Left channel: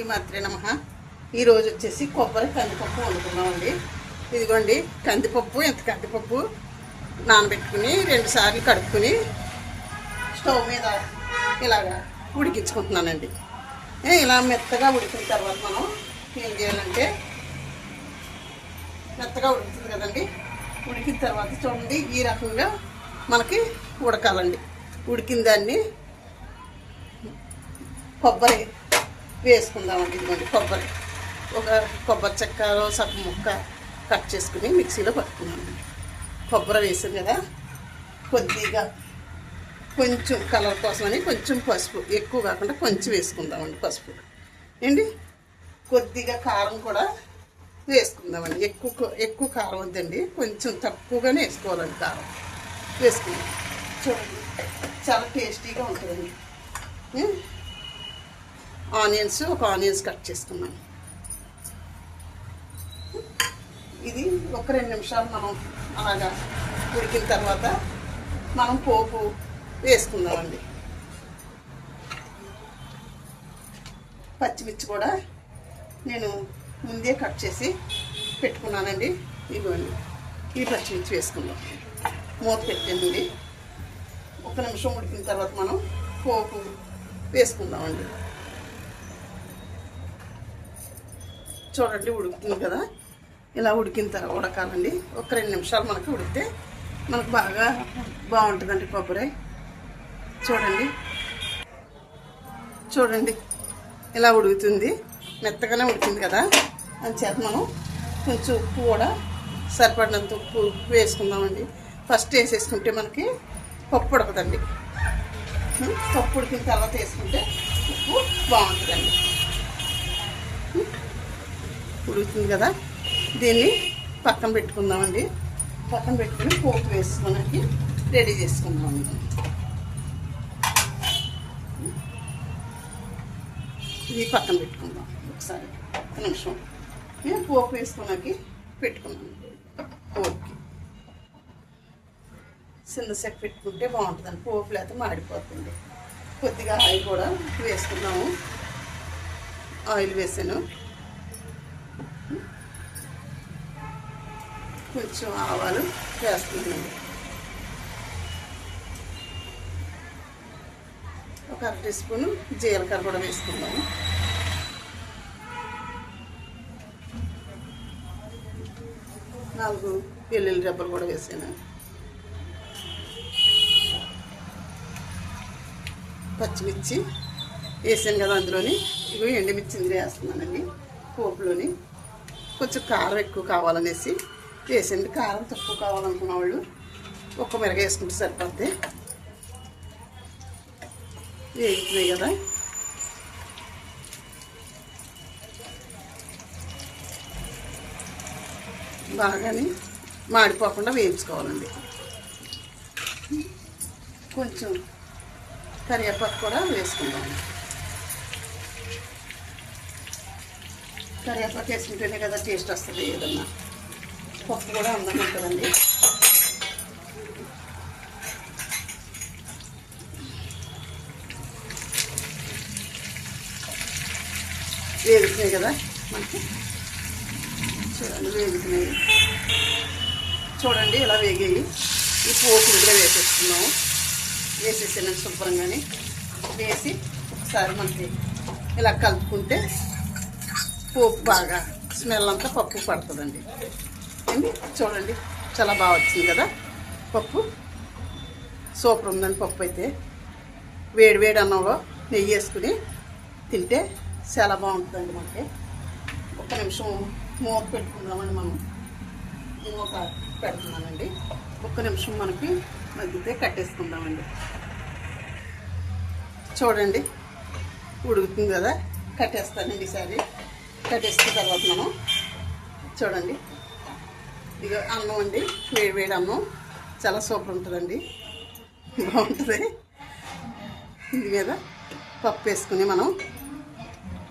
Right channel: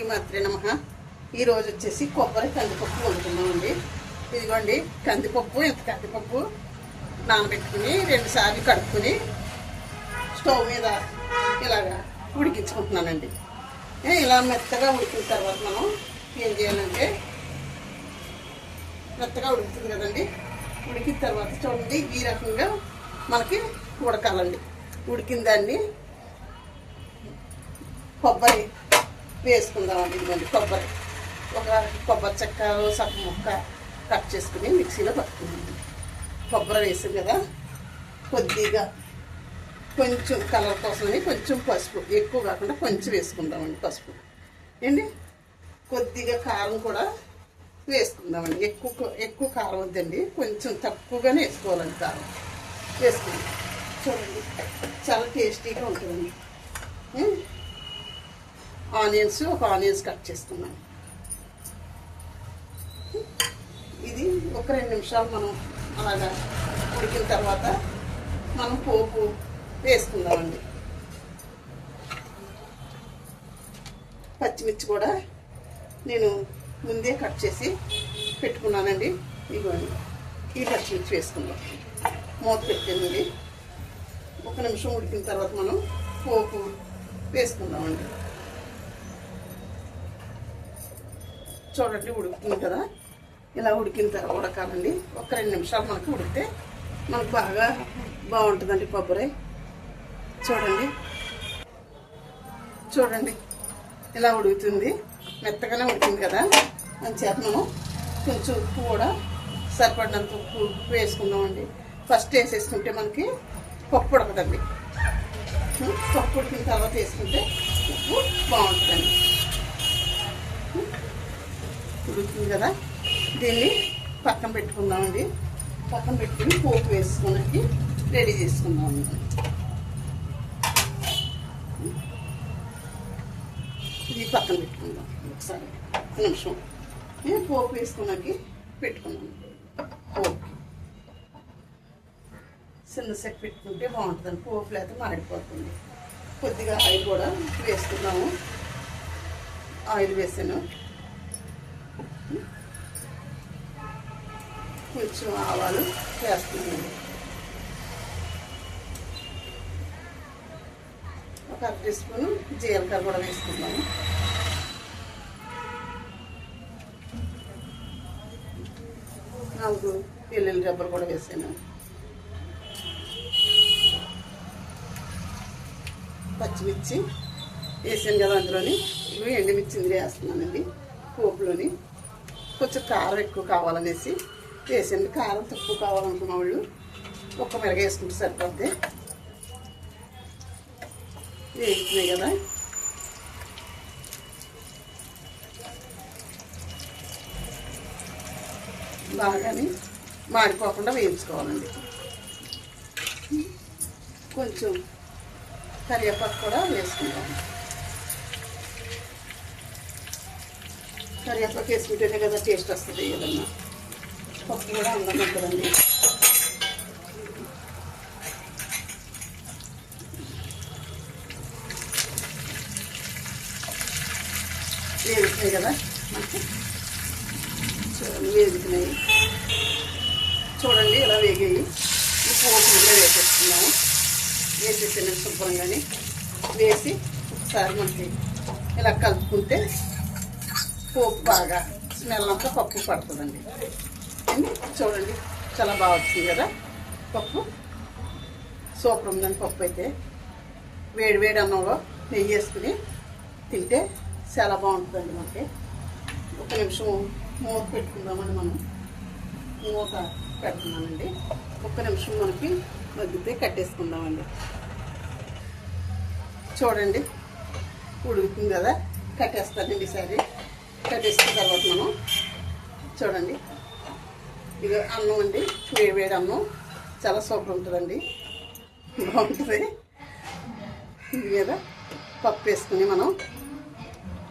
ఈ నమ. ఈరోజు వచ్చేసి కొబ్బరి కందిపప్పు వండుకున్నామండి ఇదిగోండి కందిపప్పు ఇంత కందిపప్పు? నానబెట్టుకుని రెండు సార్లు కడుక్కుని స్టవ్ మీద ఇలాగా ఉడికించుకుంటున్నానండి. ఇలా మెత్తగా ఉడికిన తర్వాత మనం ఏం చేయాలంటే మెత్తగా ఉడుకుతుంది కదండి. ఉడికిన తర్వాత చూడండి ఈ రకంగా మనకి ఉడకాలండి. ఉడికిన దాన్ని కొబ్బరి వేసుకుందామండి ఇదిగోండి కొబ్బరి. ఒక కొబ్బరి చెక్క సగం ముక్క కట్ చేసుకుని మిక్సీలో పట్టుకున్నాను కొబ్బరి వేసాం కదా కొద్దిగా కొంచెం కలర్ కోసమని కొంచెం పసుపు ఎక్కువ కాకుండా కొంచెం వేసుకుందామండి పసుపు. ఏంటి? కొద్దిగా కారం కూడా వేసుకుందామండి ఎక్కువ ఎక్కువ కారం వద్దండి కొంచెం తక్కువగానే వేసుకోవాలండి కారం. వేసుకుందాం. చూడండి చాలా టేస్టీగా ఉంటుందండి. ఆనియన్స్ ఒక ఆనియన్స్ కట్ చేసుకున్నాను. ఇది ఒక రెండు నిమిషాలు మనం అలాగా ఉడికిన తర్వాత మనం పోపు వేసుకుందామండి. పచ్చిమిర్చి కూడా నేను ముందే కట్ చేసి పెట్టుకున్నానండి. ఇవ్వండి ఈ పచ్చిమిర్చి వేసుకుందాం. మూత పెట్టండి ఒక నిమిషం ఉడికిన తర్వాత మనం పోపు వేసుకుందామండి. చూడండి ఉడుకుతుంది కదా. ఇలా ఉడికిన తర్వాత ఉడకాలండి. ఒక రెండు నిమిషాలు మనకి ఉడికితే మనకు బాగా బాగుంటుందండి కొబ్బరి. చూడండి. చూడండి. ఇలా ఉడుకుతుంది. మెత్తగానే ఉడికింది కదా. చేత మనం కొంచెం ఉప్పు కూడా సరిపడినంత ఉప్పు వేసుకుందామండి. ఫస్ట్ వేసేసుకుంటే మనకి పప్పు ఉడకదండి. పప్పు ఉడికిన తర్వాత వేసుకుంటే ఉప్పు బాగుంటుందండి. ఉడుకుతుంది కదా? దీన్ని పక్కన పెట్టుకుందామండి. పక్కన పెట్టుకుని పోపు వేసుకోవడానికి రెడీ చేసుకుందాం ఇది పక్కన పెట్టుకుందాం ఒకసారి. నిమిషం. నేను పోపు వేసుకున్నాకి పెట్టుకున్నాను చిన్న సెట్ పెట్టుకుంటే బాగుంటుందండి. పోపు లేకపోతే మాడిపోతుంది. కొద్దిగా ఆయిల్ కూడా వేసుకున్నాము ఆయిల్ వేసాను. కొంచెం ఆవాలు వేస్తున్నానండి ఒక అర టీ స్పూన్ జీలకర్ర కూడా వేసుకున్నాను. నాలుగు వెల్లుల్లి రెబ్బలు కూడా వేసాను. పచ్చిమిర్చి వేసాను కదా అందులోని. ఇవి ఎండుమిర్చి వేస్తున్నానండి. పోపులోని. కొంచెం కారం ఎక్కువ కావాలనేసి వేసండి కారం తక్కువ కావాలనుకున్న వాళ్ళు ఒక్క మిరగ వేసుకుంటే సరిపోద్ది. వేగుతున్నాయి కదా. బాగానే మాడిపోకుండా వేయించుకోవాలండి. కొంచెం కరివేపాకు కూడా వేసుకుంటాను కరివేపాకు వేసుకుంటేనే కదా టేస్ట్ వస్తుంది ఏదన్నా. కూడా అందంగా వేగుతున్నాయి కదా చూడండి వేగుతున్నాయి చూడండి ఇలా వేగాయి. ఈ పోపు ఇంట్లో వేసేస్తున్నాము. వేసేసిన శుభ్రంగాని. వేసి ఒకసారి మనకి ఇలా కలుపుకుంటే పోపు బాగా స్మెల్ అంతా పప్పు పడుతుందండి. ఏంది? చూడండి. చాలా బాగా వచ్చింది కదా. పప్పు. సూపర్ ఉందండి పప్పు అయితే. వేడి వేడి అన్నంలో నెయ్యి వేసుకుని తింటే చాలా బాగుంటుందండి మనకి. ఒక నిమిషం మూత పెట్టుకుందామండి మనం. మూత పెడుతున్నామండి ఒక్క నిమిషం మనకి మగ్గితే కట్టేసుకుందామండి. చూడండి. ఉడుకుతుంది కదా. కట్టేస్తానండి ఈసారి. కట్టేసిన తర్వాత మనం చూడండి. ఇది అన్నం అండి. వేడి వేడి అన్నం. చాలా సూపర్ ఉంటుందండి. బాగుంటుంది. ఇది మీద పప్పు వేసుకుని మనం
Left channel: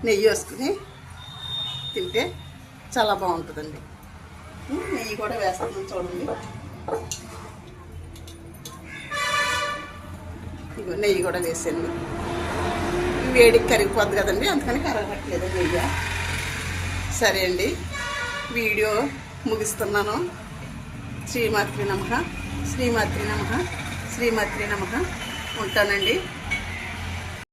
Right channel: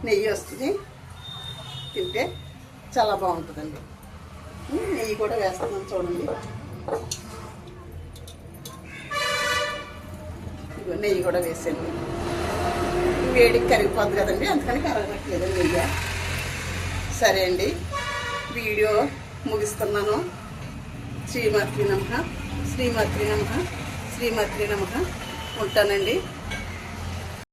నెయ్యి వేసుకుని తింటే చాలా బాగుంటుందండి. నెయ్యి కూడా వేస్తున్నాం చూడండి. ఇగో నెయ్యి కూడా వేసాను. వేడికి కరిగిపోద్ది కదండి అందుకని కరగట్లేదు నెయ్యి. సరే అండి వీడియో ముగిస్తున్నాను శ్రీమాత్రి నమ. శ్రీమాత్రి నమ. శ్రీమాత్రి నమ. ఉంటానండి.